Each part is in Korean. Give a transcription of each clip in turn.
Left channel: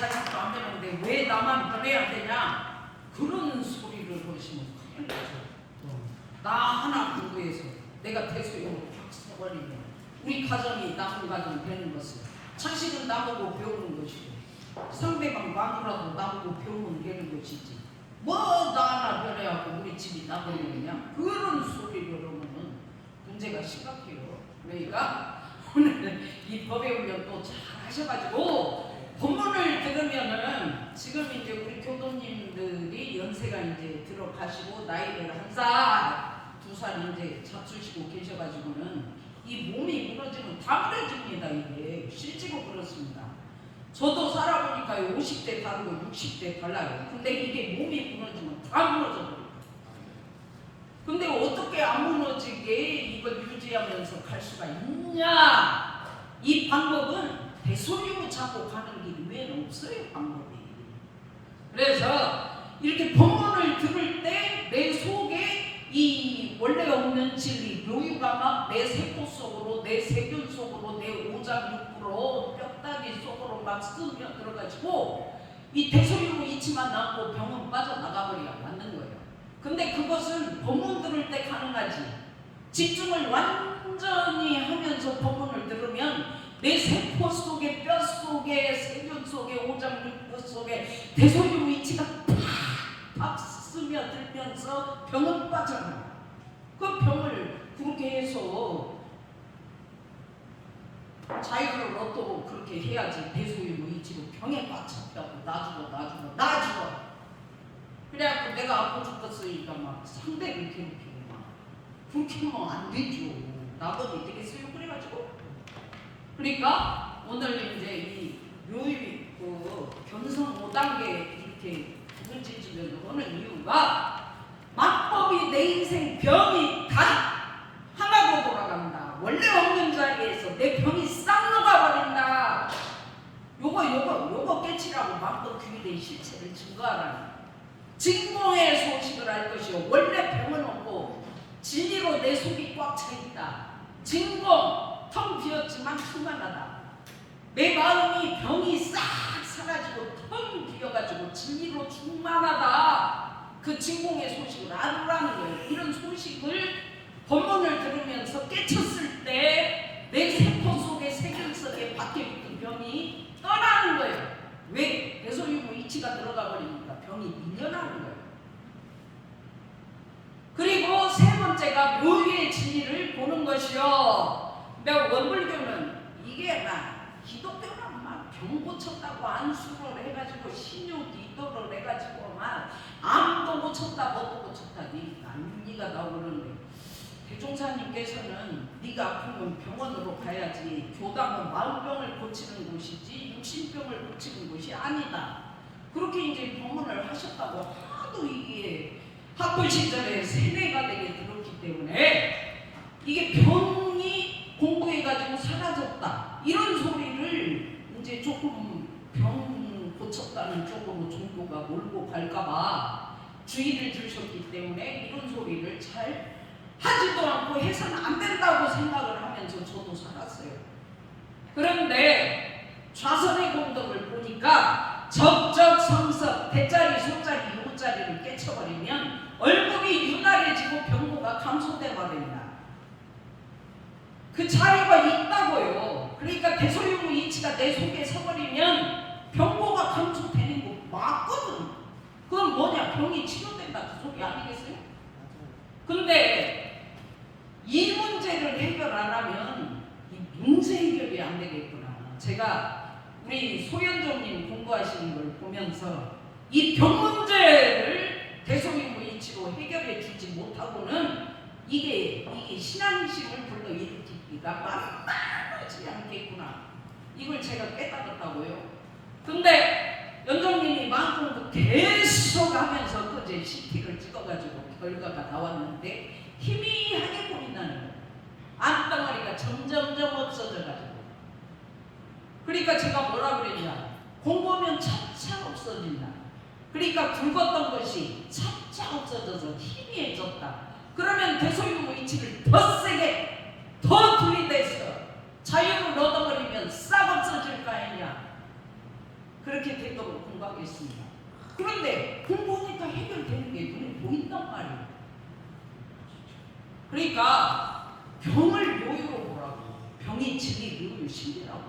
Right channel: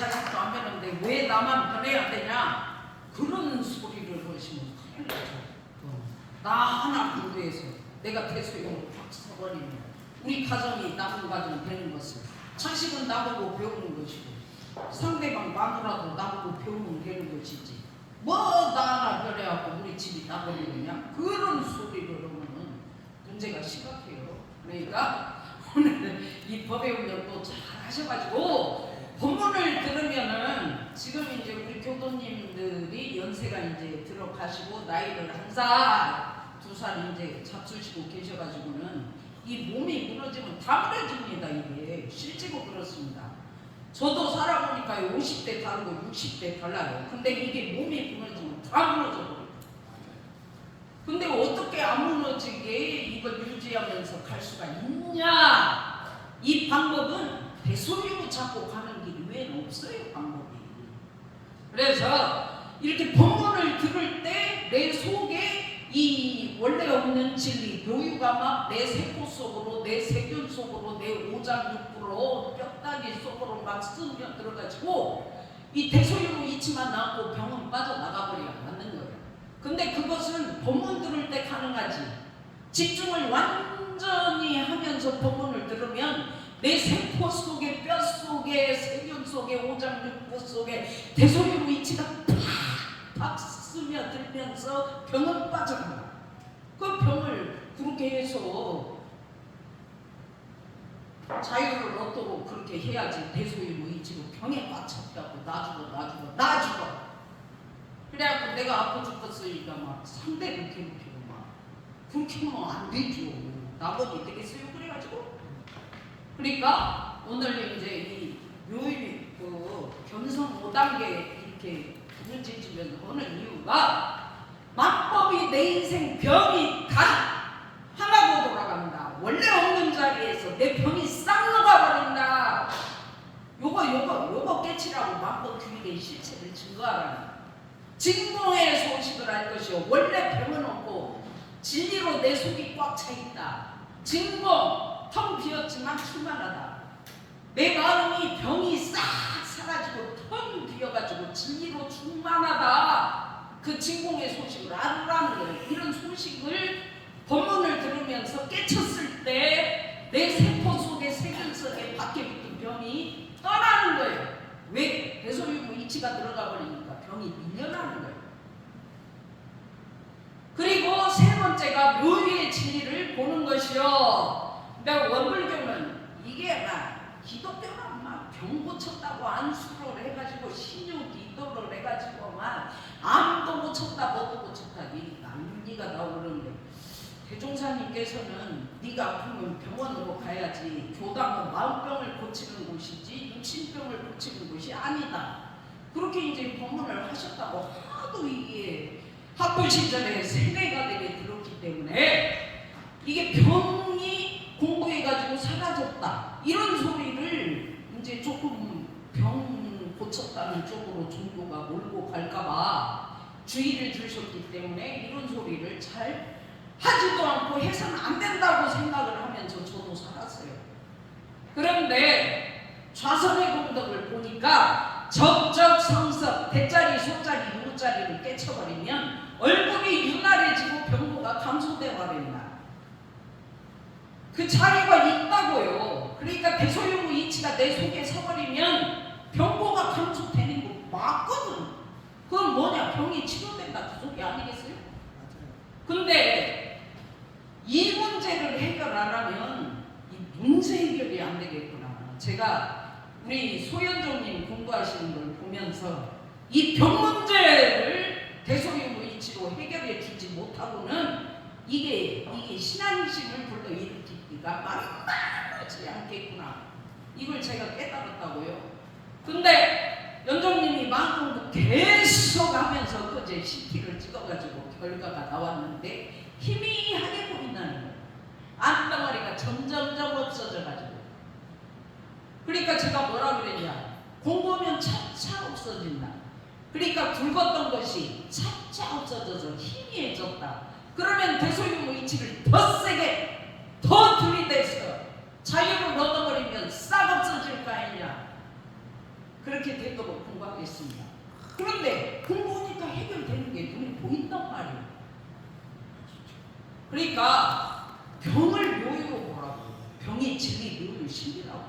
자식도 안 되는데 왜 나만 변해야 되냐? 그런 소리를 거시면 큰일 나죠. 나 하나 공부해서 내가 대소용으로 팍 써버리면 우리 가정이 남은 가정 되는 것은 자식은 나보고 배우는 것이고 상대방 마누라도 나보고 배우면 되는 것이지 뭐 나 하나 변해갖고 우리 집이 나버리느냐? 그런 소리를 하면은 문제가 심각해요. 그러니까 오늘 이 법의 운영 또 잘 하셔가지고 본문을 들으면은 지금 이제 우리 교도님들이 연세가 이제 들어가시고 나이를 한 살, 두 살 이제 잡수시고 계셔가지고는 이 몸이 무너지면 다 무너집니다. 이게 실제로 그렇습니다. 저도 살아보니까 50대 다르고 60대 달라요. 근데 이게 몸이 무너지면 다 무너져버려요. 근데 어떻게 안 무너지게 이걸 유지하면서 갈 수가 있냐? 이 방법은 대소리고 잡고 가는 길이 외에는 없어요. 방법이. 그래서 이렇게 본문을 들을 때 내 속에 이 원래 없는 진리, 묘유가 막 내 세포 속으로, 내 세균 속으로, 내 오장육부로, 뼈다귀 속으로 막 스며 들어가지고 이 대소리고 있지만 않고 병은 빠져나가버려야 맞는 거예요. 근데 그것은 본문 들을 때 가능하지. 집중을 완전히 하면서 본문을 들으면 내 세포 속에, 뼈 속에, 세균 속에, 오장육부 속에 대소리고 이치가 팍 스며들면서 병은 빠져나가. 그 병을 그렇게 해서 자유를 얻도록 그렇게 해야지. 대소리고 이치로 병에 빠졌다고 나 죽어. 그래갖고 내가 아파 죽겠으니까 막 상대를 괴롭히고 막 그렇게 하면 안 되죠. 나머지 되겠어요. 그래가지고 그러니까 오늘 이제 이 묘일 그 견성 5단계 이렇게 부르짖으면서 하는 이유가 만법이 내 인생 병이 다 하나로 돌아간다. 원래 없는 자리에서 내 병이 싹 녹아버린다. 요거 깨치라고 만법 규율의 실체를 증거하라는 진공의 소식을 할 것이요. 원래 병은 없고 진리로 내 속이 꽉 차 있다. 진공 텅 비었지만 충만하다. 내 마음이 병이 싹 사라지고 텅 비어가지고 진리로 충만하다. 그 진공의 소식을 알으라는 거예요. 이런 소식을 본문을 들으면서 깨쳤을 때 내 세포 속에 세균 속에 밖에 붙은 병이 떠나는 거예요. 왜? 대소유무 이치가 들어가 버리니까 병이 밀려나는 거예요. 그리고 세 번째가 묘유의 진리를 보는 것이요. 내가 원불교는 이게 막 기독교만 막 병 고쳤다고 안수를 해가지고 신유 기도를 해가지고 막 암도 고쳤다 뭐도 고쳤다 난리가 나오는데 대종사님께서는 네가 아프면 병원으로 가야지 교당은 마음병을 고치는 곳이지 육신병을 고치는 곳이 아니다. 그렇게 이제 법문을 하셨다고 하도 이게 학부 시절에 세뇌가 되게 들었기 때문에 이게 병이 공부해가지고 사라졌다 이런 소리를 이제 조금 병 고쳤다는 쪽으로 종교가 몰고 갈까봐 주의를 주셨기 때문에 이런 소리를 잘 하지도 않고 해서는 안 된다고 생각을 하면서 저도 살았어요. 그런데 좌선의 공덕을 보니까 적적성석 대자리 소자리 요자리를 깨쳐버리면 얼굴이 윤활해지고 병고가 감소돼 버린다. 그 자리가 있다고요. 그러니까 대소유무 이치가 내 속에 서버리면 병고가 감소되는 거 맞거든. 그건 뭐냐? 병이 치료된다 그 소리 아니겠어요? 근데 이 문제를 해결 안 하면 이 문제 해결이 안 되겠구나. 제가 우리 소연종님 공부하시는 걸 보면서 이 병 문제를 대소유무 이치로 해결해 주지 못하고는 이게 신앙심을 불러일으키기가 만만하지 않겠구나. 이걸 제가 깨달았다고요. 근데 연정님이 마음껏 계속 하면서 그제 CT를 찍어가지고 결과가 나왔는데 희미하게 보인다는 거예요. 암덩어리가 점점점 없어져가지고. 그러니까 제가 뭐라 그랬냐. 공부하면 차차 없어진다. 그러니까 굵었던 것이 차차 없어져서 희미해졌다. 그러면 대소유무 이치를 더 세게 더 들이대서 자유를 얻어버리면 싹 없어질 거 아니냐. 그렇게 되도록 공부하겠습니다. 그런데 공부하니까 해결되는 게 눈에 보인단 말이에요. 그러니까 병을 묘유로 보라고. 병이 진리, 묘유, 신이라고.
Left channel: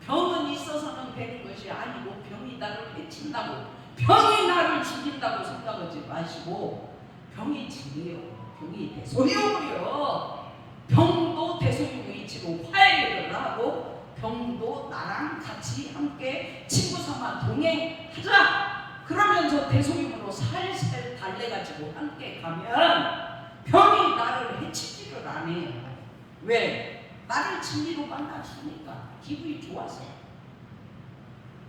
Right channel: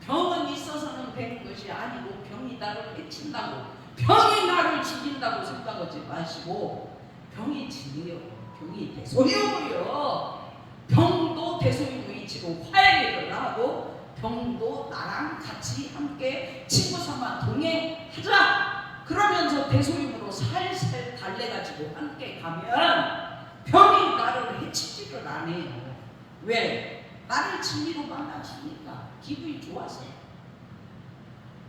병은 있어서는 되는 것이 아니고 병이 나를 해친다고, 병이 나를 죽인다고 생각하지 마시고, 병이 진리요, 병이 대소유요. 병도 대소유 이치로 화해를 하고, 병도 나랑 같이 함께 친구 삼아 동행하자. 그러면서 대소유로 살살 달래가지고 함께 가면 병이 나를 해치지를 안 해요. 왜? 나를 진리로 만나주니까 기분이 좋아서.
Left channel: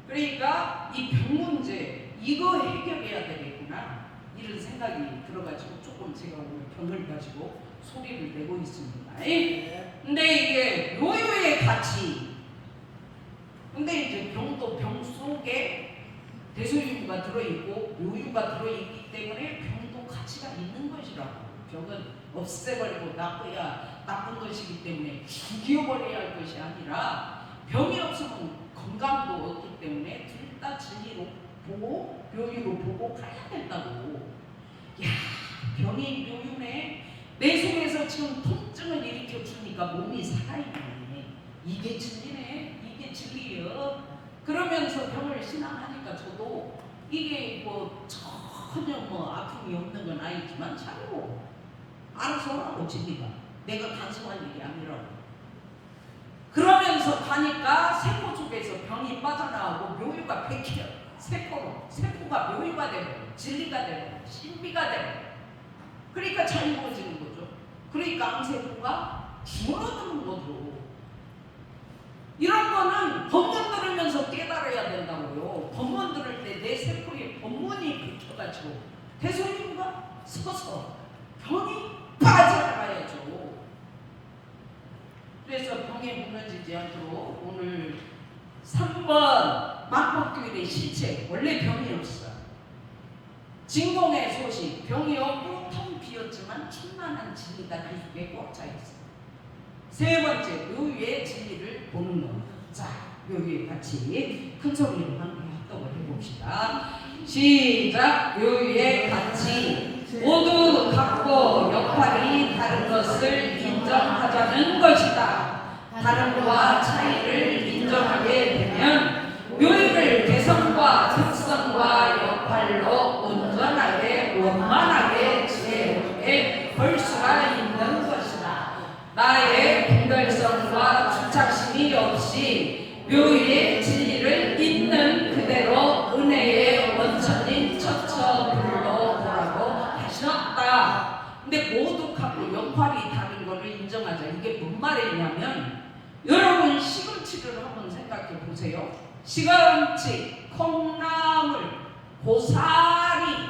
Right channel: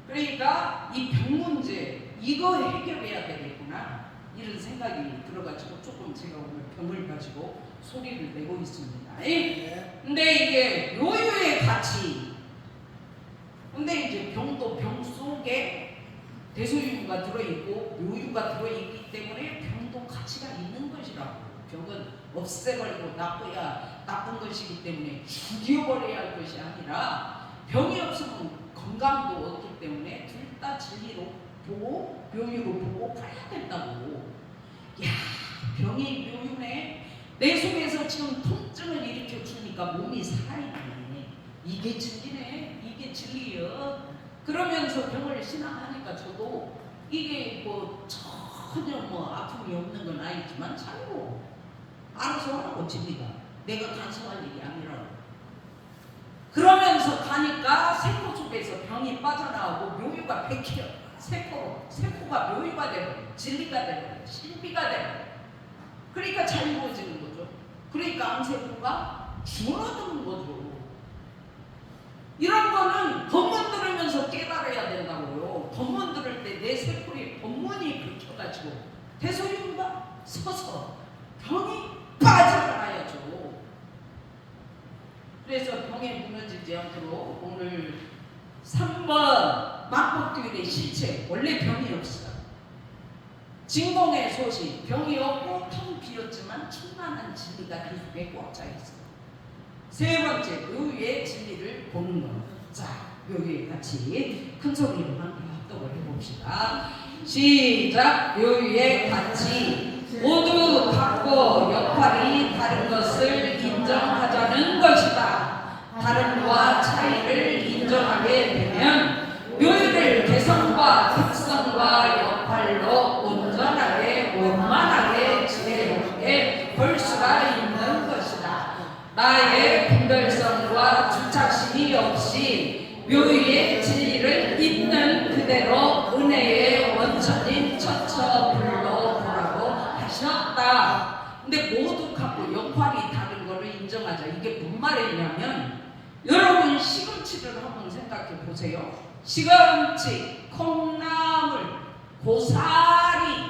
그러니까 이 병 문제 이거 해결해야 되겠구나 이런 생각이 들어가지고 조금 제가 오늘 병을 가지고 소리를 내고 있습니다. 근데 이게 묘유의 가치. 근데 이제 병도 병 속에 대소유가 들어있고 묘유가 들어있기 때문에 병도 가치가 있는 것이라고. 병은 없애버리고 나쁜 것이기 때문에 죽여버려야 할 것이 아니라, 병이 없으면 건강도 없기 때문에 둘 다 진리로 보고 묘유로 보고 가야 된다고. 야, 병이 묘유네. 내 속에서 지금 통증을 일으켜 주니까 몸이 살아있네. 이게 진리네. 이게 진리요. 그러면서 병을 신앙하니까 저도 이게 뭐 전혀 뭐 아픔이 없는 건 아니지만 자유 알아서 하라고. 진리가 내가 단순한 일이 아니라고. 그러면서 가니까 세포 속에서 병이 빠져나오고 묘유가 베껴. 세포가 묘유가 되고 진리가 되고 신비가 되고, 그러니까 자유로워지는 거죠. 그러니까 암세포가 줄어드는 거죠. 이런 거는 법문 들으면서 깨달아야 된다고요. 법문 들을 때 내 세포에 법문이 붙여가지고 대소유가 서서 병이 빠져나가야죠. 그래서 병에 무너지지 않도록 오늘 3번 만법규일의 실체. 원래 병이 없어. 진공의 소식. 병이 없고 텅 비었지만 충만한 진리가 그 속에 꽉 차 있어요. 세 번째, 묘유의 진리를 보는 것. 자, 묘유의 가치 큰 소리로 함께 합독을 해봅시다. 시작. 묘유의 가치. 모두 각고 역할이 다른 것을 인정하자는 것이다. 다름과 차이를 인정하게 되면 묘유를 개성과 특성과 역할로 온전하게 원만하게 지혜롭게 볼 수가 있는 것이다. 나의 분별성과 주착심이 없이 묘유의 진리를 있는 그대로 은혜의 원천인 처처불로 보라고 하셨다. 근데 모두 갖고 역할이 다른 것을 인정하자. 이게 뭔 말이냐면, 여러분 시금치를 한번 생각해 보세요. 시금치, 콩나물, 고사리.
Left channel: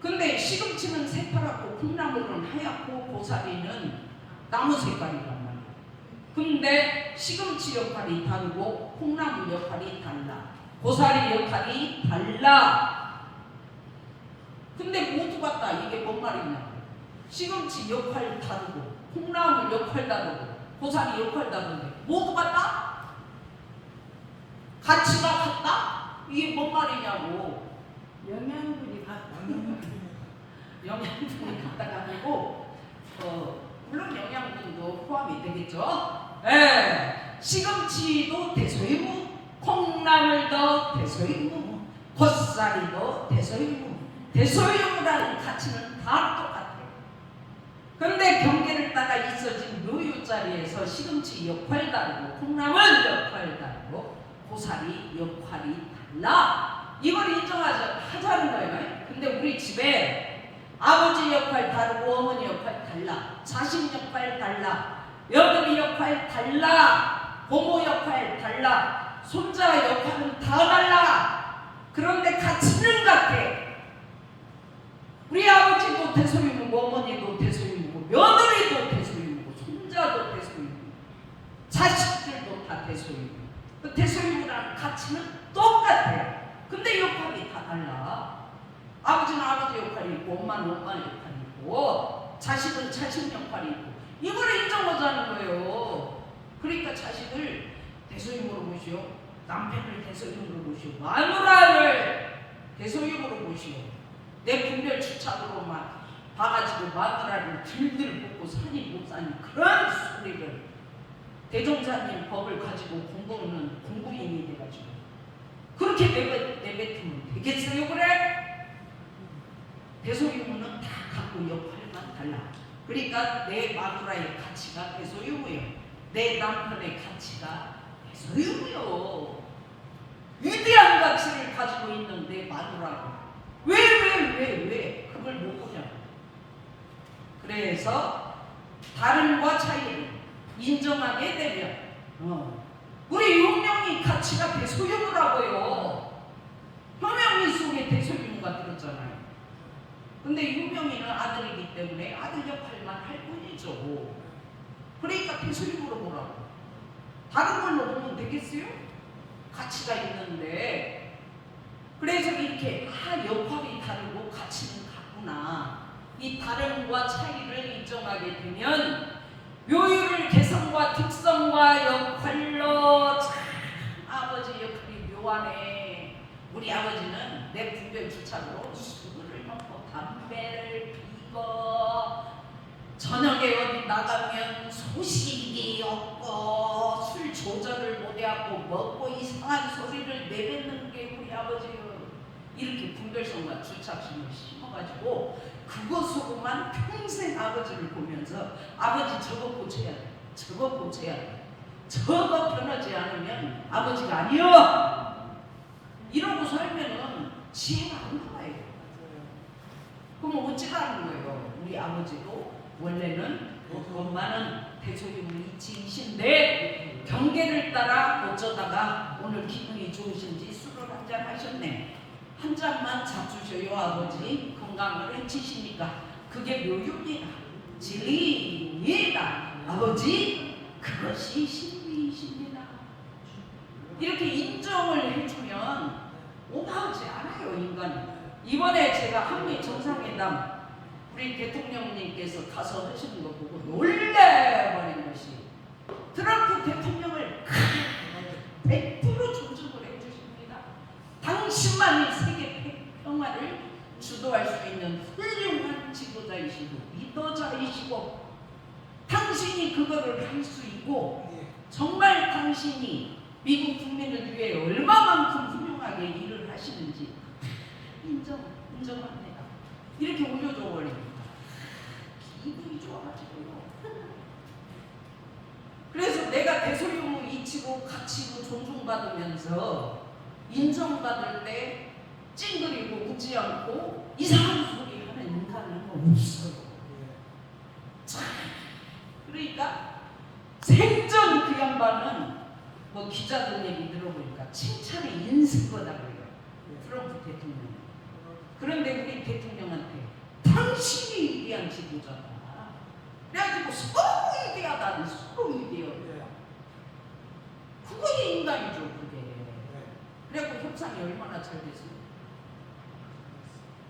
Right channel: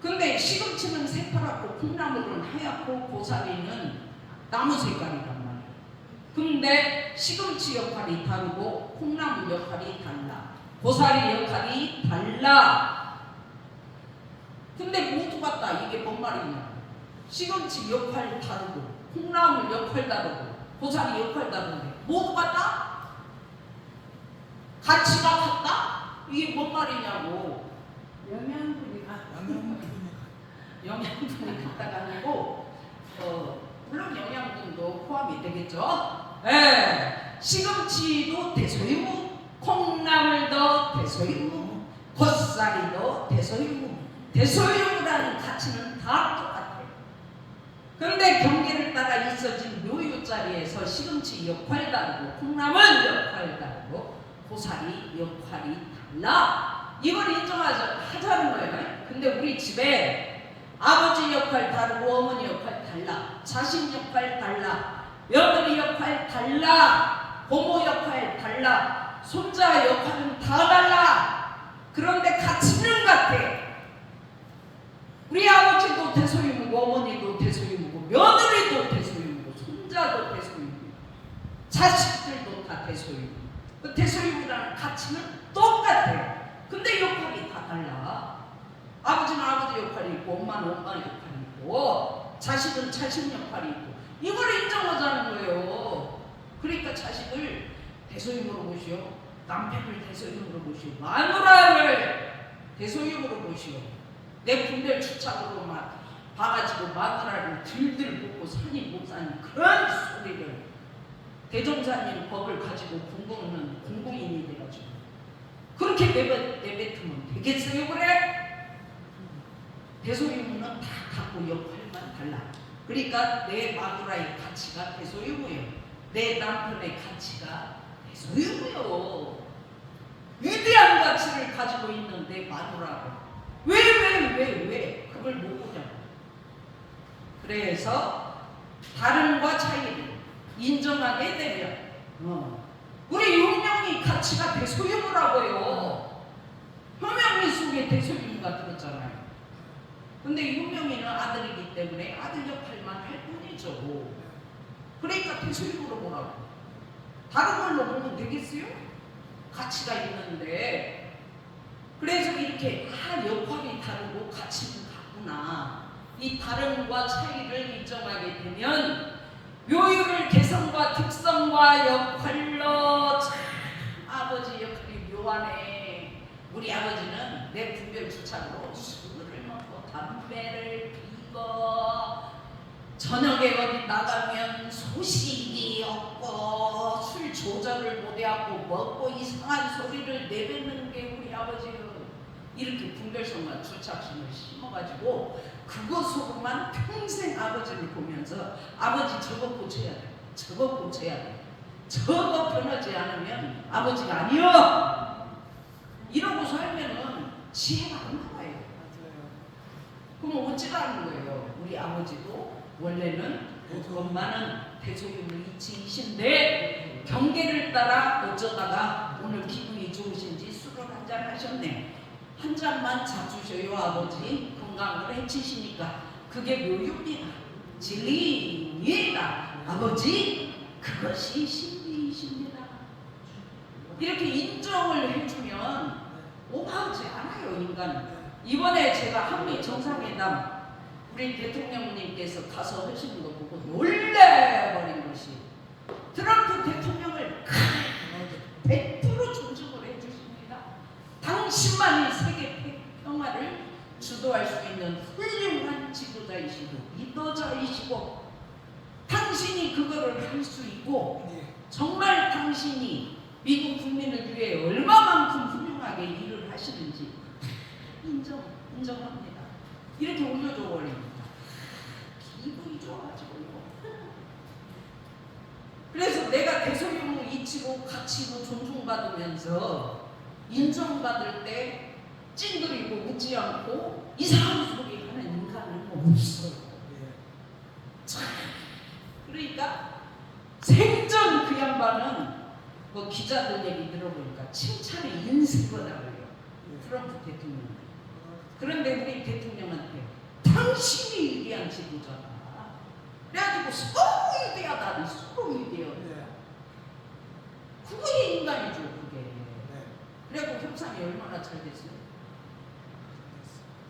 근데 시금치는 새파랗고 콩나물은 하얗고 고사리는 나무 색깔이란 말이에요. 근데 시금치 역할이 다르고 콩나물 역할이 달라. 고사리 역할이 달라. 근데 모두 같다. 이게 뭔 말이냐? 시금치 역할 다르고 콩나물 역할 다르고 고사리 역할 다른데 모두 같다? 가치가 같다? 이게 뭔 말이냐고. 영양분이 영양분이 같다가 아니고 물론 영양분도 포함이 되겠죠. 예, 시금치도 대소유무, 콩나물도 대소유무, 고사리도 대소유무. 대소유무라는 가치는 다 똑같아요. 그런데 경계를 따라 있어진 묘유 자리에서 시금치 역할 다르고 콩나물 역할 다르고 고사리 역할이 달라. 이걸 인정하자는 거예요. 근데 우리 집에 아버지 역할 다르고 어머니 역할 달라. 자식 역할 달라. 며느리 역할 달라. 고모 역할 달라. 손자 역할은 다 달라. 그런데 가치는 같아. 우리 아버지도 대소유무고 어머니도 대소유무고 며느리도 대소유무고 손자도 대소유무고 자식들도 다 대소유무고. 그 대소유무라는 가치는 똑같아. 근데 역할이 다 달라. 아버지는 아버지 역할이 있고 엄마는 엄마 역할이 있고 자식은 자식 역할이 있고, 이걸 인정하자는 거예요. 그러니까 자식을 대소유무로 보시오. 남편을 대소육으로 모시고 마누라를 대소육으로 모시고 내 분별 주착으로만 봐가지고 마누라를 들들 볶고 사니 못 사니 그런 소리를 대종사님 법을 가지고 공부하는 공부인이 돼가지고 그렇게 내뱉으면 되겠어요? 그래? 대소유무는 다 갖고 역할만 달라. 그러니까 내 마누라의 가치가 대소유무예요. 내 남편의 가치가 대소유무요. 위대한 가치를 가지고 있는 내 마누라고 왜 그걸 못 보냐고. 그래서 다름과 차이를 인정하게 되면 우리 윤명이 가치가 대소유무라고요. 효명이 속에 대소유무가 들었잖아요. 근데 윤명이는 아들이기 때문에 아들 역할만 할 뿐이죠. 그러니까 대소유무로 보라고. 다른 걸로 보면 되겠어요? 가치가 있는데. 그래서 이렇게 역할이 다르고 가치는 같구나. 이 다름과 차이를 인정하게 되면 묘유를 개성과 특성과 역할로 참 아버지 역할이 묘하네. 우리 아버지는 내 분별 주착으로 술을 먹고 담배를 피고 저녁에 어디 나가면 소식이 없고 술 조절을 못해갖고 먹고 이상한 소리를 내뱉는 게 우리 아버지는 이렇게 분별성과 주착심을 심어가지고 그것으로만 평생 아버지를 보면서 아버지 저거 고쳐야 돼. 저거 고쳐야 돼. 저거 변하지 않으면 아버지가 아니여. 이러고 살면은 지혜가 안 나와요. 그럼 어찌라는 거예요? 우리 아버지도 원래는 엄마는 대소유무 이치이신데 경계를 따라 어쩌다가 오늘 기분이 좋으신지 술을 한잔 하셨네. 한 잔만 잡수셔요 아버지. 건강을 해치시니까 그게 묘육이다. 진리입니다. 아버지 그것이 진리이십니다. 이렇게 인정을 해주면 오가지 않아요 인간은. 이번에 제가 한미 정상회담 우리 대통령님께서 가서 하시는 거 보고 놀래버린 것이 트럼프 대통령을 100% 존중을 해주십니다. 당신만이 세계 평화를 주도할 수 있는 훌륭한 지도자이시고 리더자이시고 당신이 그거를 할 수 있고 정말 당신이 미국 국민을 위해 얼마만큼 훌륭하게 일을 하시는지 인정합니다. 이렇게 올려줘 버립니다. 기분이 좋아가지고요. 그래서 내가 대소유무 이치고 가치고 존중받으면서 인정받을 때 찡그리고 웃지 않고 이상한 소리 하는 인간은 없어요. 참. 그러니까 생전 그 양반은 뭐 기자들 얘기 들어보니까 칭찬의 인생거다 그래요. 트럼프 대통령. 그런데 우리 대통령한테 당신이 위대한 지도자다. 그래가지고 서로 위대하다는 서로 위대해요. 그게 인간이죠 그게. 그래갖고 협상이 얼마나 잘 됐어요.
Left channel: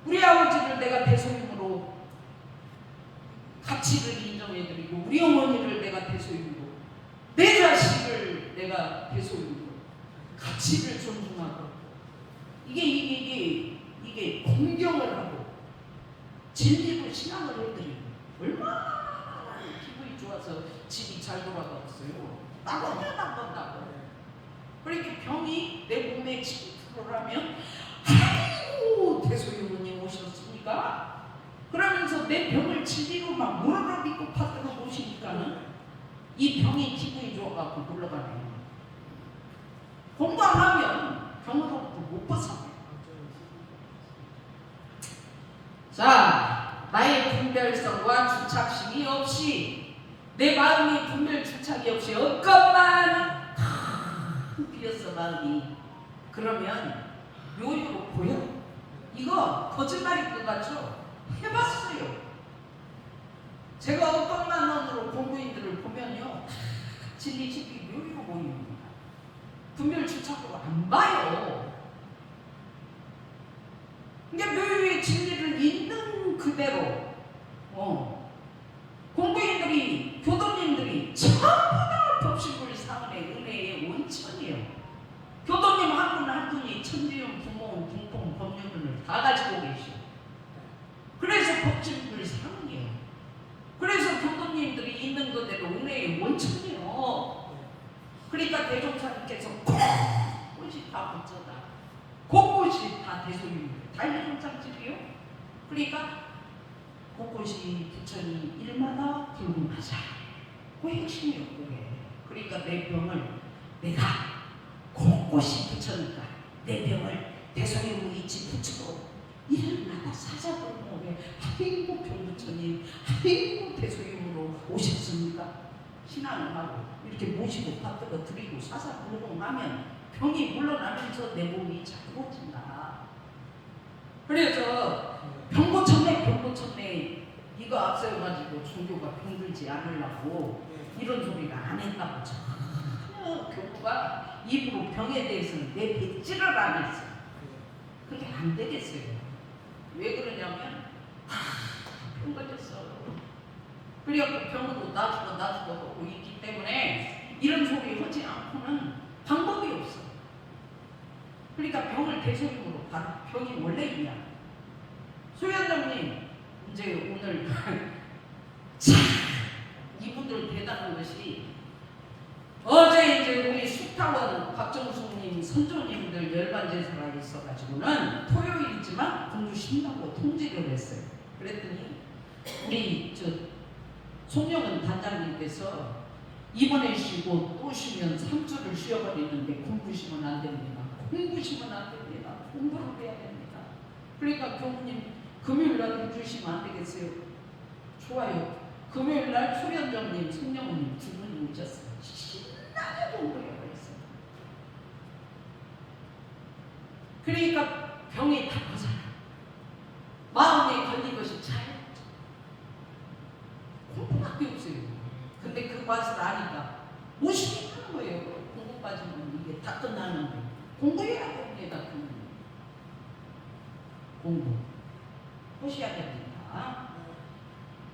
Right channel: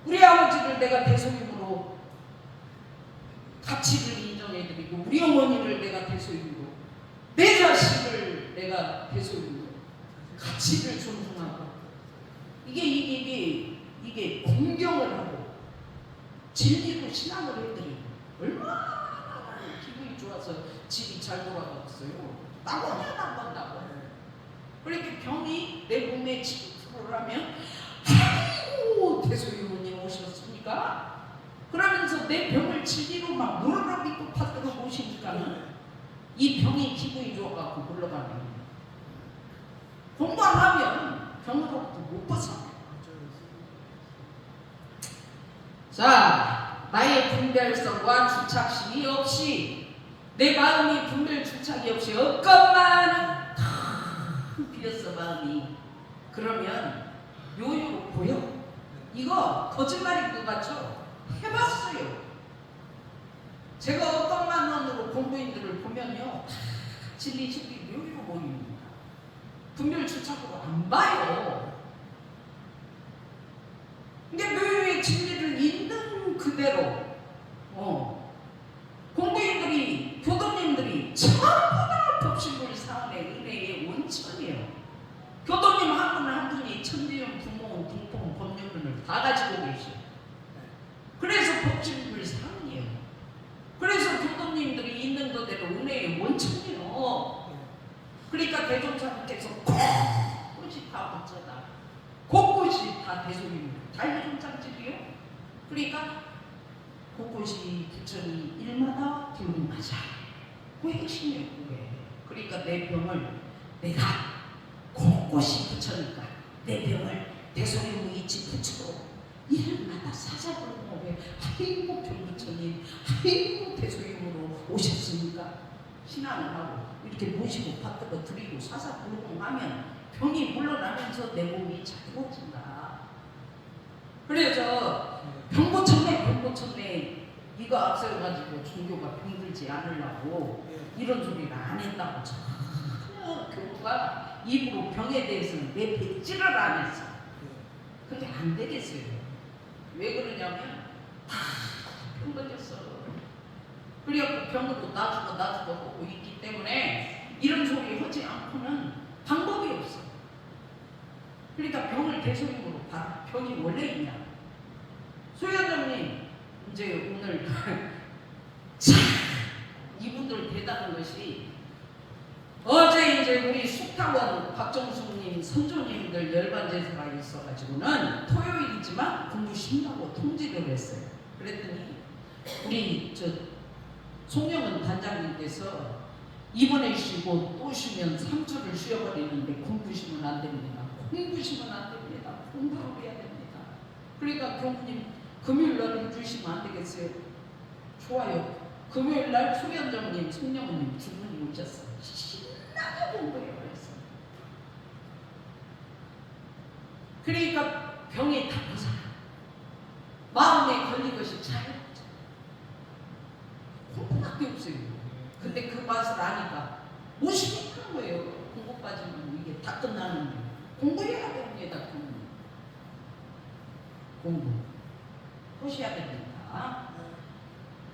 우리 아버지를 내가 대소유무로 가치를 인정해드리고 우리 어머니를 내가 대소유무로 내 자식을 내가 대소유무로 가치를 존중하고 이게 공경을 하고 진리로 신앙을 해드리고 얼마나 기분이 좋아서 집이 잘 돌아가겠어요. 나보면 안 본다고. 그렇게 병이 내 몸에 침투하면 아이고 대소유무님 오셨습니까? 그러면서 내 병을 진리로 막 무릎을 믿고 받들어 보시니까 이 병이 기분이 좋아갖고 물러가는 거예요. 공부 안 하면 병으로부터 못 벗어나요. 자, 나의 분별성과 주착심이 없이 내 마음이 분별 주착이 없이 없건만 비었어 마음이. 그러면 요요로 보여. 이거 거짓말인 것 같죠? 해봤어요. 제가 어떤만 원으로 공부인들을 보면요 진리 요요 보입니다. 분별 주착으로 안 봐요. 근데 묘유의 진리를 있는 그대로 공부인들이 교도님들이 전부 다 법신불 사은의 은혜의 원천이에요. 천지연 부모원 공통 법률문을 다 가지고 계셔. 그래서 법칙을 사랑해요. 그래서 교도님들이 있는 그대로 은혜의 원천이요. 그러니까 대종사님께서 곳곳이 다 어쩌다 곳곳이 다 대소입니다. 다 대종장집이요. 그러니까 곳곳이 부처니 일마다 불문하자. 그 핵심이에요. 그게. 그러니까 내 병을 내가 곳곳이 부처니까 내 병을 대소유무 이치 부처로 일마다 사사불문하게 아이고 병부처님 아이고 대소유무로 오셨습니까? 신앙을 하고 이렇게 모시고 받들어 드리고 사사불문하면 병이 물러나면서 내 몸이 자유로워진다. 그래서 병고쳤네 이거 앞세워가지고 종교가 병들지 않으려고 이런 소리를 안 했다고 전혀 교구가 입으로 병에 대해서는 내 백지를 안 했어. 그게 안 되겠어요. 왜 그러냐면 병 걸렸어. 그래갖고 병으로 놔주고 하고 있기 때문에 이런 소리 하지 않고는 방법이 없어. 그러니까 병을 대소임으로 봐라. 병이 원래 있냐. 소연장님 이제 오늘 참 이분들 대단한 것이 어제 이제 우리 숙타원 박정숙님 선조님들 열반제사가 있어가지고는 토요일이지만 공부 쉰다고 통지를 했어요. 그랬더니 우리 저 송영은 단장님께서 이번에 쉬고 또 쉬면 3주를 쉬어버리는데 공부 쉬면 안 됩니다. 공부 쉬면 안 됩니다. 공부를 해야 됩니다. 그러니까 교수님 금요일날 해주시면 안 되겠어요? 좋아요. 금요일날 소연정님, 송영은님 두 분이 오셨어요. 신나게 공부해버렸어요. 그러니까 병이 다 벗어나. 마음에 걸린 것이 잘 공부밖에 없어요. 근데 그 맛을 아니까 무심히 하는 거예요. 공부 빠지면 이게 다 끝나는 거예요. 공부해야 됩니다. 공부 하셔야 됩니다.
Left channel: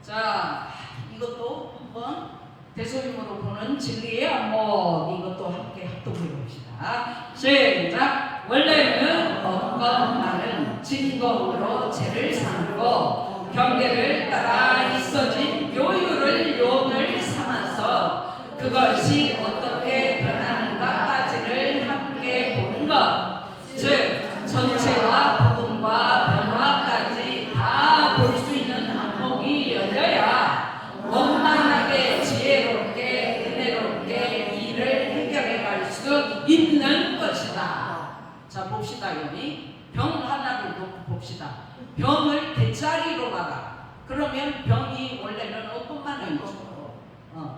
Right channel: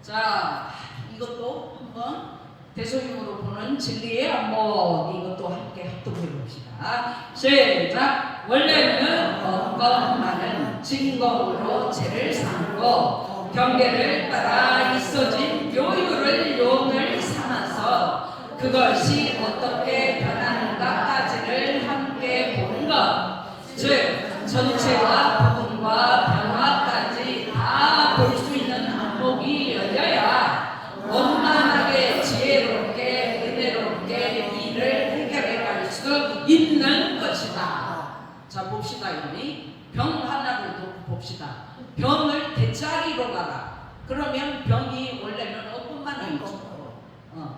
자, 이것도 한번 대소임으로 보는 진리의 안목 이것도 함께 합동해 봅시다. 시작. 원래는 건강하는 진검으로 죄를 삼고 경계를 따라 있어진 요유를 용을 삼아서 그것이 어떻게 변하는가까지를 함께 보는 것. 즉 전체와 부분과 변화까지 다 볼 수 있는 안목이 열려야 원만하게 지혜롭게 은혜롭게 이를 해결해 갈 수 있는 것이다. 자 봅시다. 여기 병 하나를 놓고 봅시다. 병을 대자리로 봐라. 그러면 병이 원래는 어떤만 있죠.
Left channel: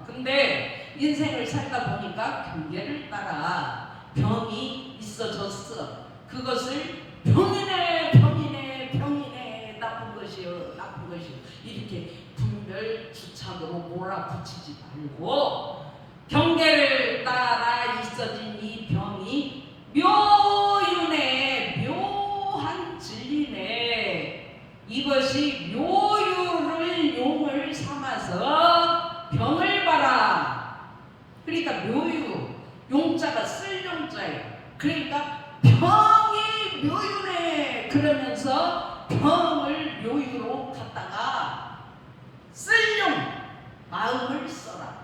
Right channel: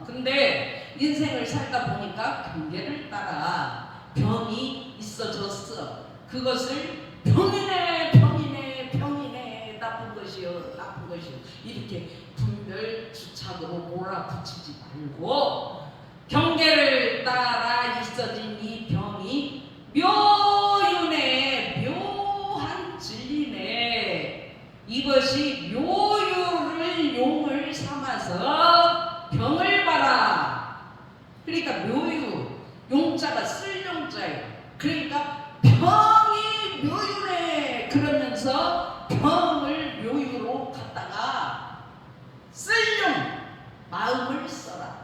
근데 인생을 살다 보니까 경계를 따라 병이 있어졌어. 그것을 병이네 나쁜 것이요 이렇게 분별 주착으로 몰아붙이지 말고 경계를 따라 있어진 이 병이 묘유네 묘한 진리네. 이것이 묘유를 용을 삼아서 병을 봐라. 그러니까 묘유 용자가 쓸 용자예요. 그러니까 병이 묘유네 그러면서 병을 묘유로 갖다가 쓸용 마음을 써라.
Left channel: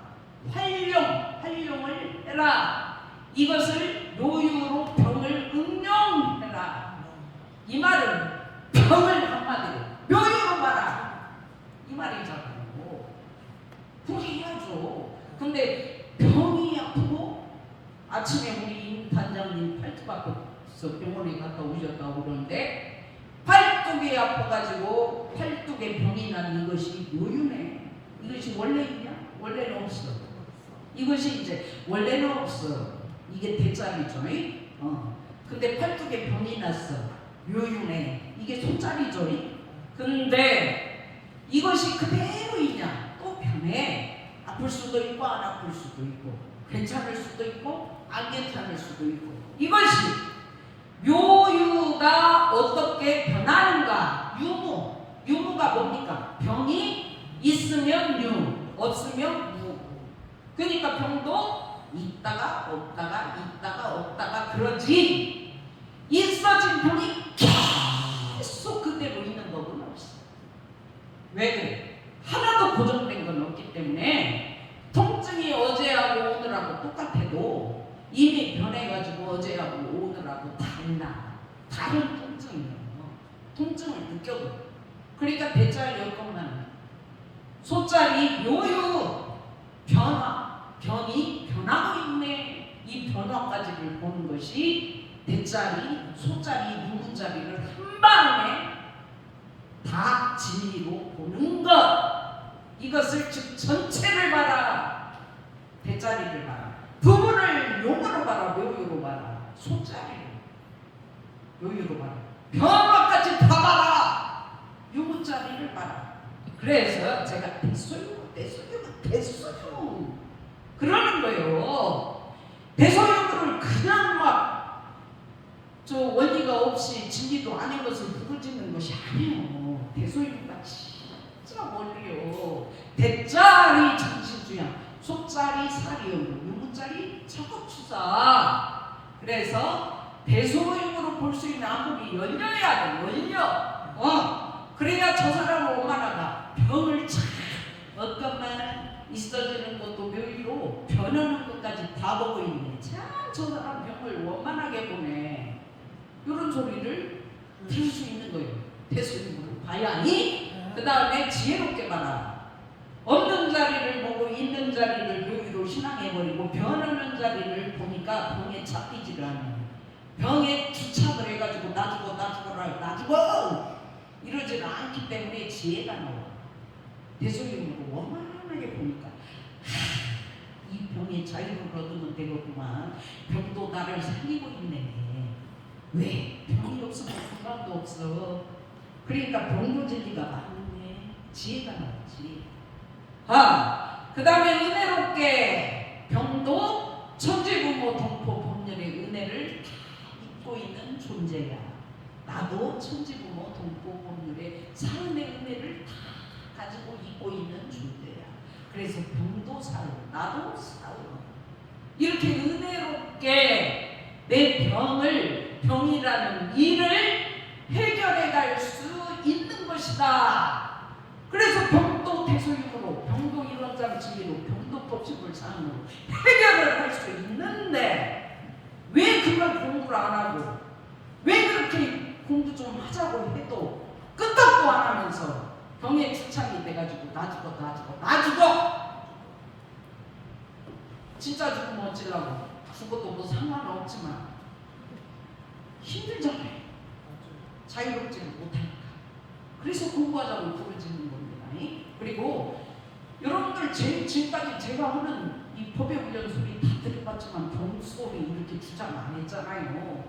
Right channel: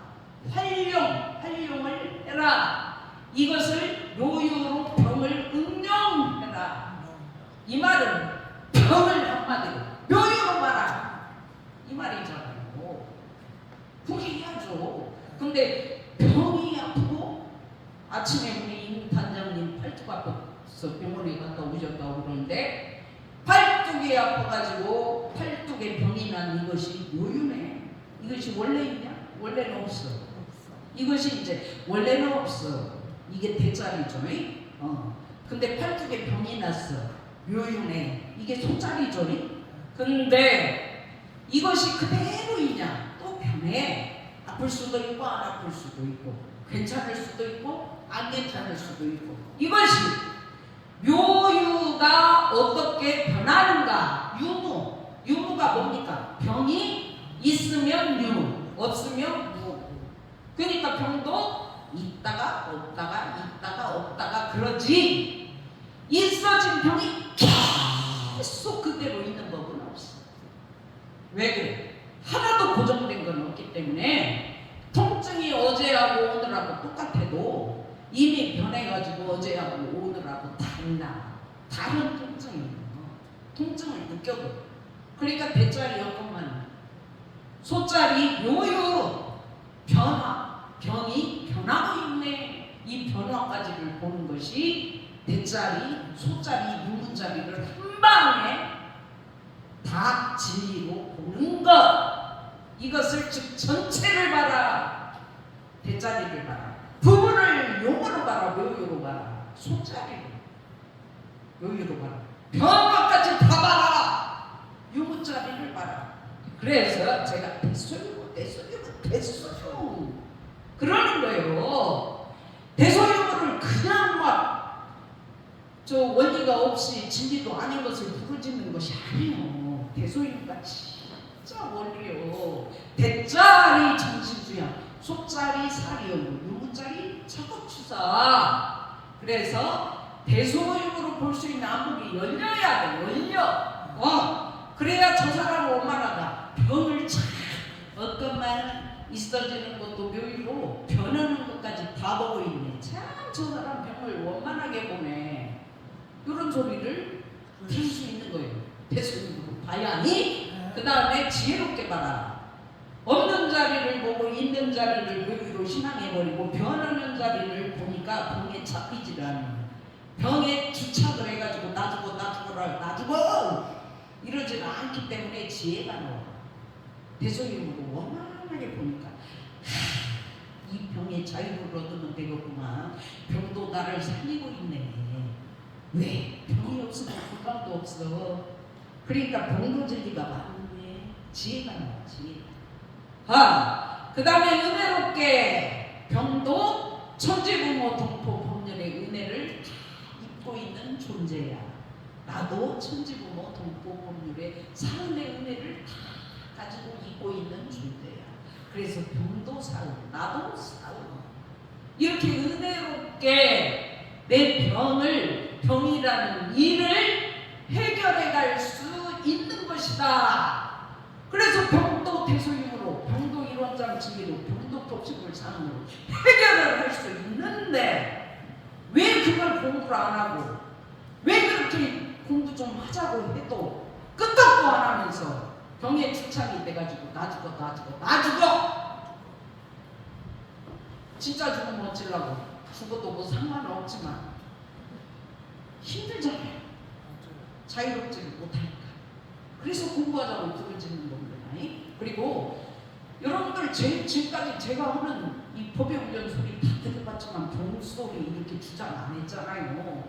활용을 해라. 이것을 묘유로 병을 응용해라. 이 말은 병을 한마디로 묘유로 봐라 이 말이잖아요. 그렇게 해야죠. 근데 병이 아프고 아침에 우리 임 단장님 팔뚝 아파서 병원에 갔다 오셨다고 그러는데 팔뚝이 아파가지고 팔뚝에 병이 난 이것이 묘유네. 이것이 원래 있냐? 원래는 없어. 이것이 이제 원래는 없어. 이게 대자리죠. 근데 팔뚝에 병이 났어. 묘유네. 이게 손자리죠. 근데 이것이 그대로 있냐? 또 변해. 아플 수도 있고 안 아플 수도 있고 괜찮을 수도 있고 안 괜찮을 수도 있고. 이것이 묘유가 어떻게 변하는가? 유무가 뭡니까? 병이 있으면 유, 없으면 무. 그러니까 병도 있다가 없다가 있다가 없다가 그러지. 있어진 병이 계속 그대로 있는 법은 없어. 왜 그래? 하나도 고정된 건 없기 때문에 통증이 어제하고 오늘하고 똑같아도 이미 변해가지고 어제하고 오늘하고 달라. 다른 통증이에요. 통증을 느껴도. 그러니까 대자리 여건만 소자리 요요 변화, 병이 변하고 있네. 이 변화까지를 보는 것이 대자리, 소자리, 유무자리를 한 방에 다 진리로 보는 것. 이것을 즉 전체를 봐라. 대자리를 봐라. 부분을 용어로 봐라. 묘유로 봐라. 소자리로 묘유로 봐라. 변화까지 다 봐라. 유무자리를 봐라. 그래서 제가 대소유무 그러는 거예요. 대소유무를 그냥 막 저 원리가 없이 진리도 아닌 것을 부르짖는 것이 아니에요. 대소유무가 진짜 원리요. 대자리 정신주야, 속자리 사리요, 유무자리 차곡추사. 그래서 대소유무로 볼 수 있는 안목이 열려야 돼. 열려. 그래야 저 사람을 원만하다. 병을 참 어떤만 있어지는 것도 묘유로 변하는 것까지 다 보고 있네. 참 저 사람 병을 원만하게 보네. 이런 소리를 들을 수 있는 거예요. 대소유무로 봐야니. 그 다음에 지혜롭게 봐라. 없는 자리를 보고 있는 자리를 묘유로 신앙해버리고 변하는 자리를 보니까 병에 잡히지를 않아요. 병에 주착을 해가지고 나 죽어 이러지 않기 때문에 지혜가 나와요. 대소유무로 원만하게 보니까 이 병의 자유를 얻으면 되겠구만. 병도 나를 살리고 있네. 왜? 병이 없으면 건강도 없어. 그러니까 병도 진리가 많네. 지혜가 나오지. 그 다음에 은혜롭게 병도 천지부모 동포 법률의 은혜를 다 입고 있는 존재야. 나도 천지부모 동포 법률의 삶의 은혜를 다 가지고 입고 있는 존재야. 그래서 병도 사요, 나도 사요. 이렇게 은혜롭게 내 병이라는 일을 해결해 갈 수 있는 것이다. 그래서 병도 대소유무로, 병도 이원장 진리로, 병도 법칙을 상으로 해결을 할 수 있는데 왜 그걸 공부를 안 하고, 왜 그렇게 공부 좀 하자고 해도 끄떡도 안 하면서 병에 추착이 돼가지고 나 죽어 진짜 죽으면 어쩌려고. 죽어도 뭐 상관없지만 힘들잖아요. 자유롭지를 못하니까. 그래서 공부하자고 부르짖는 겁니다. 그리고 여러분들 지금까지 제가 하는 이 법의 훈련 소리 다 들어봤지만 병 소리 이렇게 주장 안 했잖아요.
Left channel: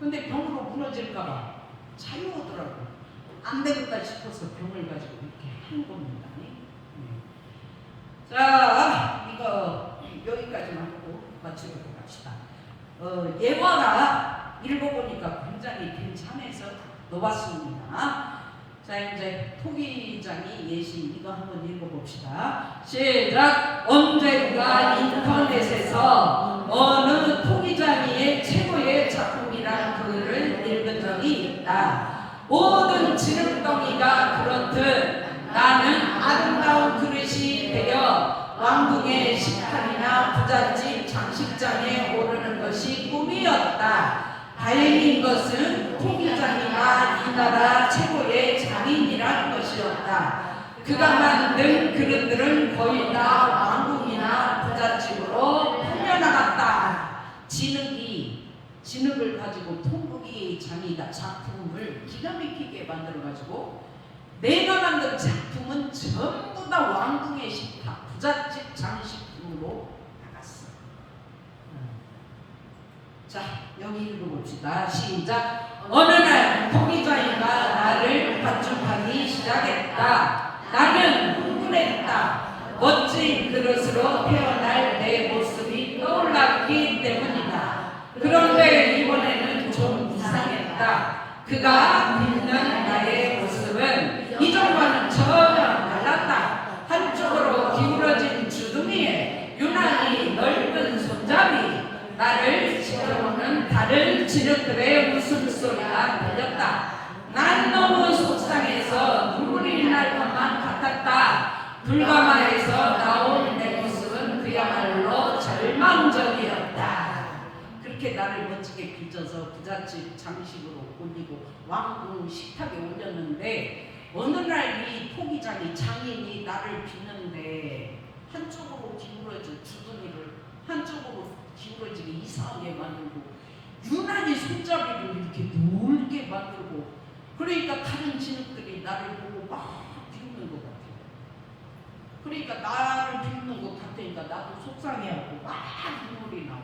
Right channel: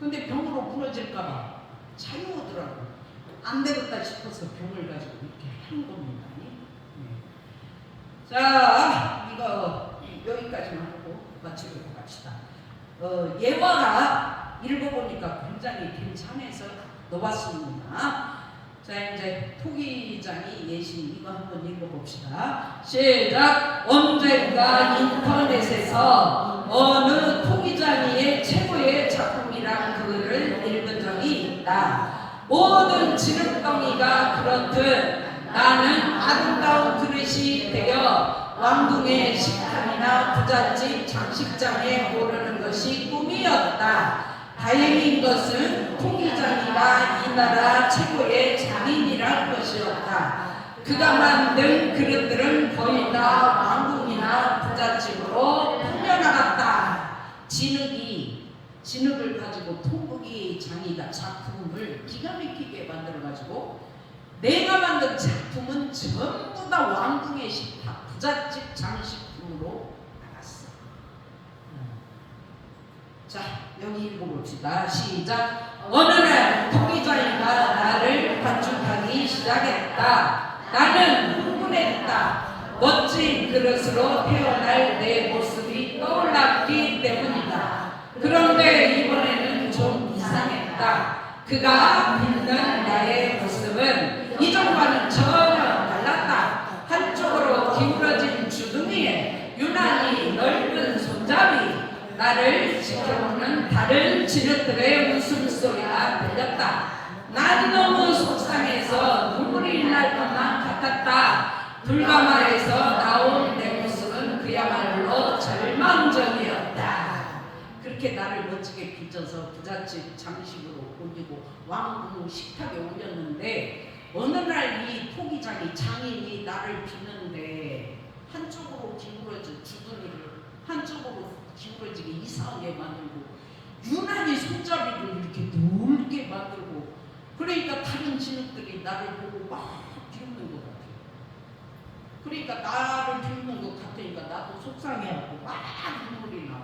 근데 병으로 무너질까봐 자유하더라고. 안 되겠다 싶어서 병을 가지고 이렇게 하는 겁니다. 자, 이거 여기까지만 하고 마치도록 합시다. 예화가 읽어보니까 굉장히 괜찮아서 넣어봤습니다. 자, 이제 토기장이 예시 이거 한번 읽어봅시다. 시작. 언젠가 인터넷에서 어느 토기장이의 최고의 작품이란 글을 읽은 적이 있다. 모든 지름덩이가 그렇듯 나는 아름다운 그릇이 되어 왕궁의 식탁이나 부잣집 장식장에 오르는 것이 꿈이었다. 다행인 것은 토기장이가 이 나라 최고의 장인이란 것이었다. 그가 만든 그릇들은 거의 다 왕궁이나 부잣집으로 팔려나갔다. 진흙을 가지고 통곡이 장이가 작품을 기가 막히게 만들어가지고 내가 만든 작품은 전부 다 왕궁의 식탁, 부잣집 장식품으로 나갔어. 자, 여기 읽어봅시다. 시작. 어느 날 토기장이가 나를 관중하기 시작했다. 나는 흥분했다. 멋진 그릇으로 태어날 내 모습이 떠올랐기 때문이다. 그런데 이번에는 좀 이상했다. 그가 입는 나의 모습은 이전과는 전혀 달랐다. 한쪽으로 기울어진 주둥이에 유난히 넓은 손잡이, 나를 지켜보는 다른 시력들의 웃음소리가 들렸다. 난 너무 속상해서 눈물이 날 것만 같았다. 불가마에서 나온 내 모습은 그야말로 절망적이었다. 그렇게 나를 멋지게 빚어서 부잣집 장식으로 올리고 왕궁 식탁에 올렸는데 어느 날 이 토기장이 장인이 나를 비는데 한쪽으로 기울어진 주둥이를 한쪽으로 기울어지게 이상하게 만들고 유난히 손잡이를 이렇게 넓게 만들고 그러니까 다른 진흙들이 나를 보고 막 비웃는 것 같아요. 그러니까 나를 비웃는 것 같으니까 나도 속상해하고 막 눈물이 나와.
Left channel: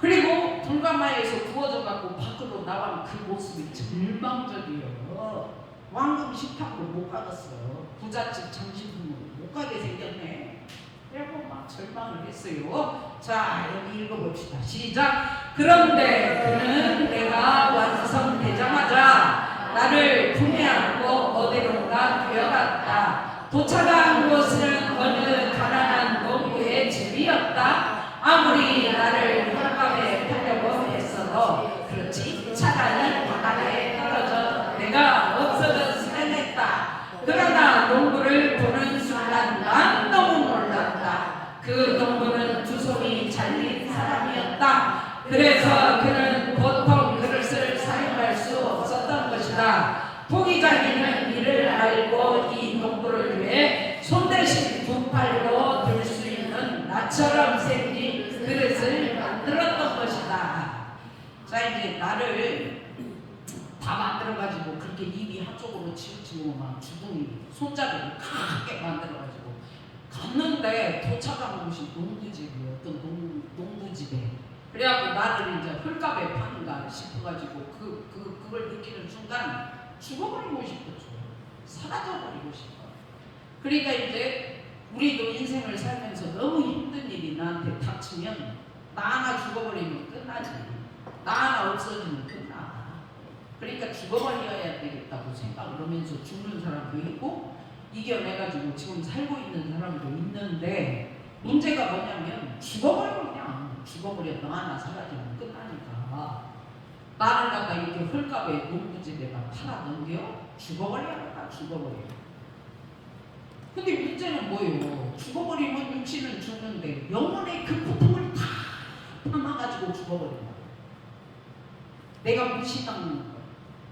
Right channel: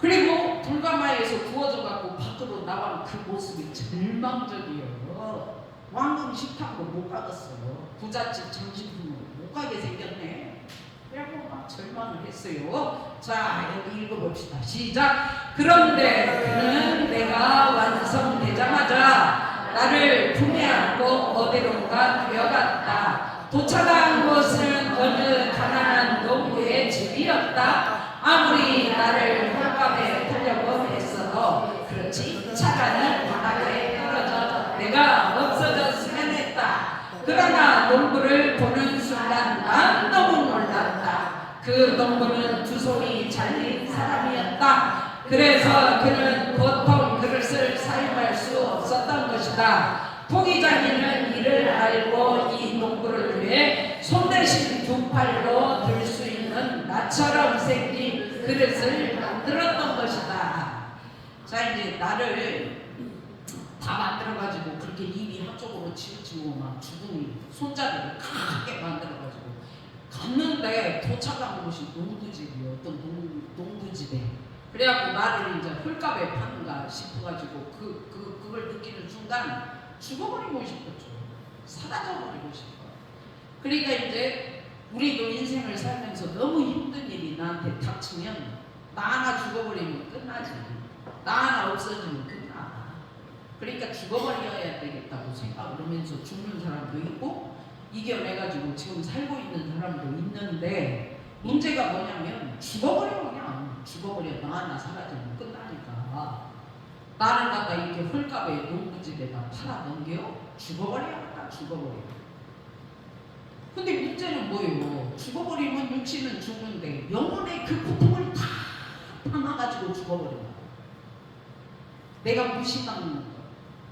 그리고 불가마에서 구워져 갖고 밖으로 나간 그 모습이 절망적이에요. 왕궁 식탁으로 못 가겠어요. 부잣집 정신으로 못 가게 생겼네. 그래고 막 절망을 했어요. 자, 여기 읽어봅시다. 시작. 그런데 그는 내가 완성되자마자 나를 품에 안고 어디론가 뛰어갔다. 도착한 곳은 어느 가난한 농부의 집이었다. 아무리 나를 홀감에 타려고 했어도 그렇지 차가는 바닥에 떨어져 내가 없어졌으면 했다. 그러나 농부를 보는 순간 난 너무 놀랐다. 그 농부는 두 손이 잘린 사람이었다. 그래서 그는 보통 그릇을 사용할 수 없었던 것이다. 토기장이는 이를 알고 이 농부를 위해 손 대신 두 팔로 들 수 있는 나처럼 생긴 그릇을 만들었던 것이다. 자, 이제 나를 다 만들어가지고 그렇게 입이 한쪽으로 치우치고 막 주둥이 손잡이를 크게 만들어가지고 갔는데 도착한 곳이 농부집이에요. 어떤 농부집에. 그래갖고 나를 이제 헐값에 파는가 싶어가지고 그걸 느끼는 순간 죽어버리고 싶었죠. 사라져버리고 싶어요. 그러니까 이제 우리도 인생을 살면서 너무 힘든 일이 나한테 닥치면 나 하나 죽어버리면 끝나지. 나 하나 없어지면 끝나. 그러니까 죽어버려야 되겠다고 생각을 하면서 죽는 사람도 있고 이겨내가지고 지금 살고 있는 사람도 있는데 문제가 뭐냐면 죽어버려. 그냥 죽어버려. 나 하나 사라지면 끝나니까 나는 갖다 이렇게 헐값에 농부집에다 팔아 넘겨 죽어버려야겠다. 죽어버려. 근데 문제는 뭐예요? 죽어버리면 육신은 죽는데 영혼의 그 고통을 다 담아가지고 죽어버린다. 내가 무시당하는 거,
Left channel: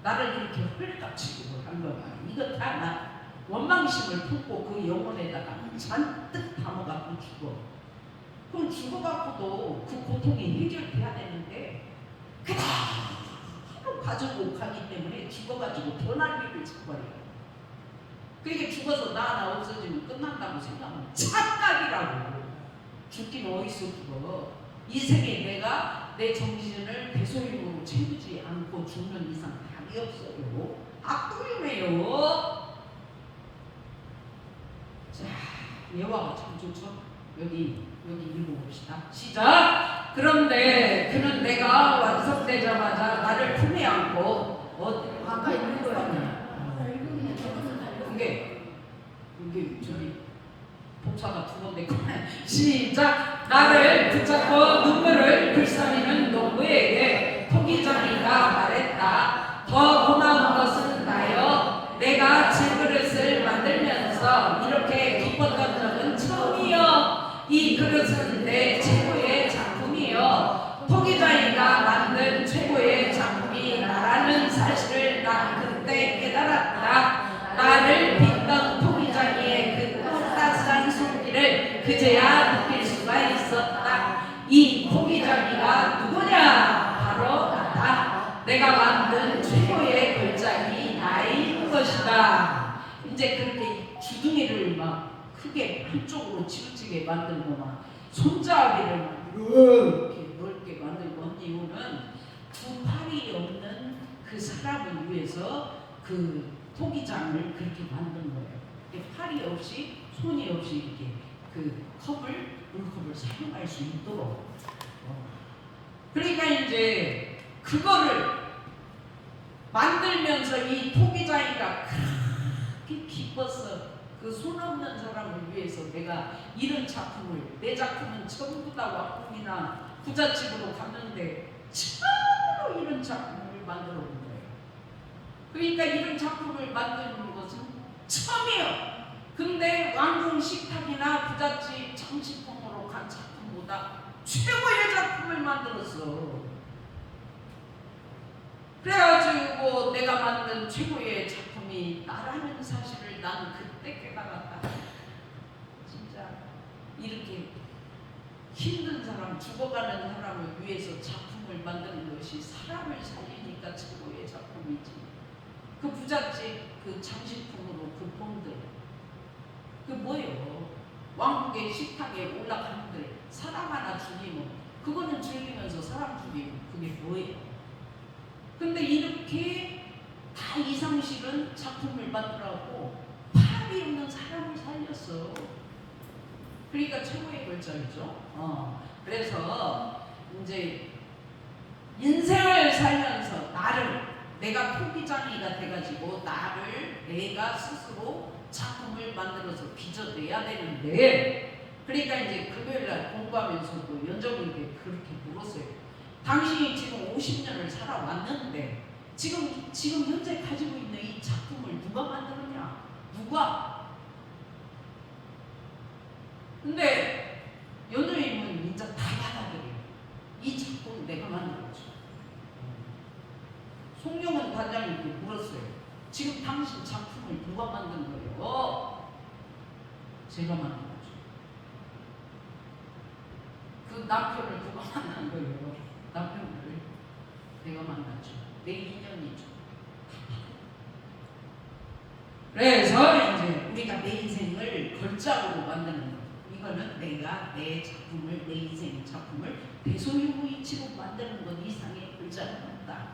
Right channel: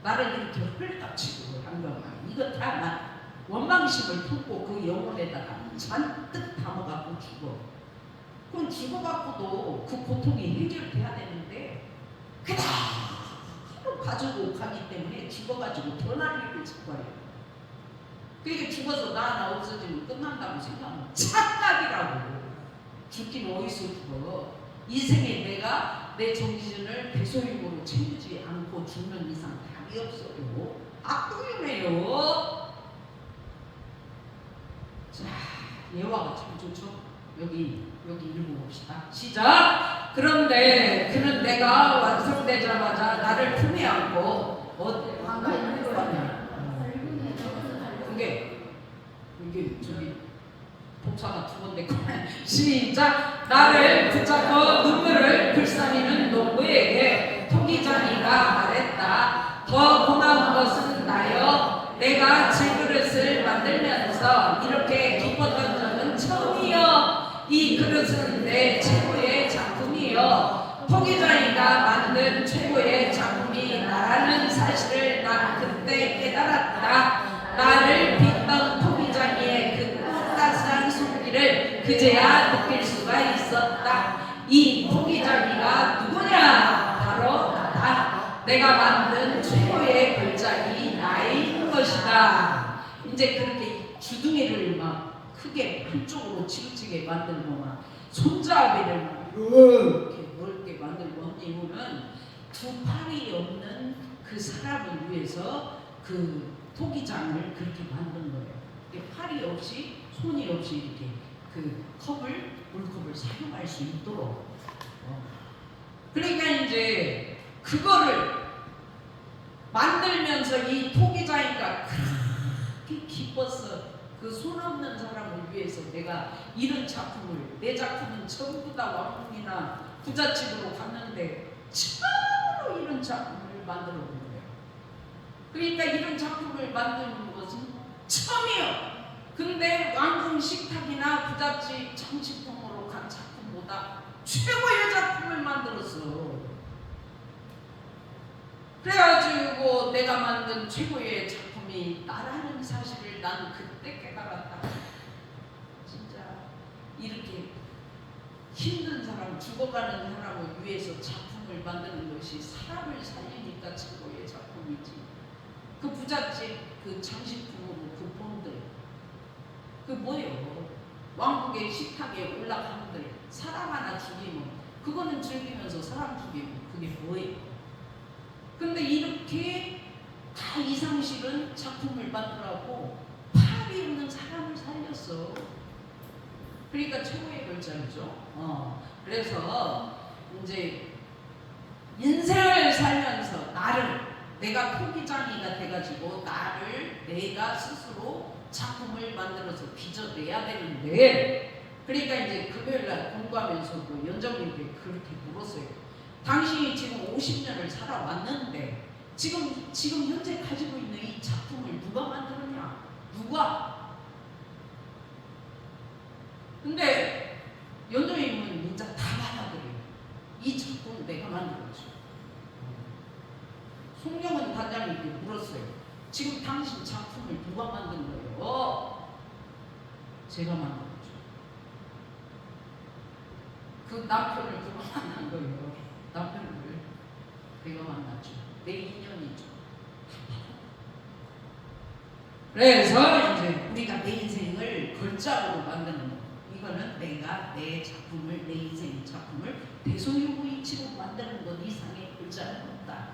나를 이렇게 헐값치고 한 거야. 이거 다 나 원망심을 품고 그 영혼에다가 잔뜩 담아갖고 죽어. 그럼 죽어갖고도 그 고통이 해결돼야 되는데 그대로 가지고 가기 때문에 죽어가지고 변할 일을 짓거려요. 그러니까 죽어서 나 하나 없어지면 끝난다고 생각하면 착각이라고. 죽긴 어디서 죽어. 이 생에 내가 내 정신을 대소임으로 채우지 않고 죽는 이상 답이 없어요. 악동이네요. 자, 예화가 참 좋죠. 여기 읽어봅시다. 시작. 그런데 그는 내가 완성되자마자 나를 품에 안고 한가 있는 거라냐. 이게 저기 복사가 두 번 됐고 시작. 나를 붙잡고 눈물을 불쌍히는 농부에게 토기장이가 말했다. 더 고마운 것은 나여 내가 질그릇을 만들면서 이렇게 기뻤던 적은 처음이여. 이 그릇은 내 최고의 작품이여. 토기장이가 만든 최고의 작품이 나라는 사실을 난 그때 깨달았다. 나를 빚던 토기장이의 그 따스한 손길을 그제야 느낄 수가 있었다. 이 토기장이가 누구냐? 바로 나다. 내가 만든 최고의 골짜기 나인 것이다. 이제 그렇게 주둥이를 막 크게 한쪽으로 치우치게 만들고 막 손잡이를 이렇게 넓게 만들고 한 이유는 두 팔이 없는 그 사람을 위해서 그 토기장을 그렇게 만든 거예요. 팔이 없이 손이 없이 이렇게 그 물컵을 사용할 수 있도록. 그러니까 이제 그거를 만들면서 이 토기장이가 그렇게 기뻤어. 그 손 없는 사람을 위해서 내가 이런 작품을, 내 작품은 전부 다 왕궁이나 부잣집으로 갔는데 처음으로 이런 작품을 만들어 본 거예요. 그러니까 이런 작품을 만드는 것은 처음이에요. 근데 왕궁 식탁이나 부잣집 정치품으로 간 작품보다 최고의 작품을 만들었어. 그래가지고 내가 만든 최고의 작품이 나라는 사실을 나는 그때 깨달았다. 진짜 이렇게 힘든 사람, 죽어가는 사람을 위해서 작품을 만드는 것이 사람을 살리니까 최고의 작품이지. 그 부잣집 그 장식품으로 그 본들 그 뭐예요? 왕국의 식탁에 올라가는데 사람 하나 죽이면 그거는 즐기면서 사람 죽이고 그게 뭐예요? 근데 이렇게 다 이상식은 작품을 만들라고 팔이 없는 사람을 살렸어. 그러니까 최고의 걸작이죠. 그래서 이제 인생을 살면서 나를 내가 토기장이가 돼가지고 나를 내가 스스로 작품을 만들어서 빚어내야 되는데, 그러니까 이제 금요일날 공부하면서도 연정님께 그렇게 물었어요. 당신이 지금 50년을 살아왔는데 지금 현재 가지고 있는 이 작품을 누가 만들었냐? 누가? 근데 연정님은 진짜 다 받아들여요. 이 작품을 내가 만들었죠. 송영은 단장님께 물었어요. 지금 당신 작품을 누가 만든 거예요? 제가 만든 거죠. 그 남편을 누가 만난 거예요? 남편을 내가 만났죠. 내 인연이죠. 그래서 이제 우리가 내 인생을 걸작으로 만드는 거. 이거는 내가 내 작품을, 내 인생 작품을 대소유무 이치로 만드는 것 이상의 걸작은 없다.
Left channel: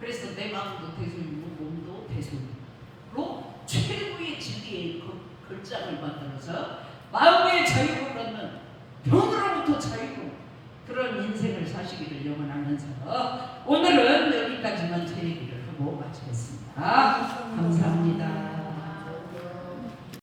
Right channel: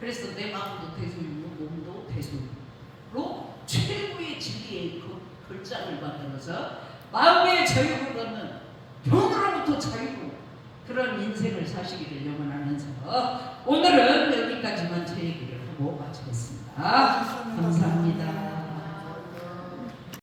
그래서 내 마음도 대소유무, 몸도 대소유무로 최고의 진리의 걸작을 만들어서 마음의 자유를 얻는 병으로부터 자유로 그런 인생을 사시기를 영원하면서 오늘은 여기까지만 제 얘기를 하고 마치겠습니다. 감사합니다.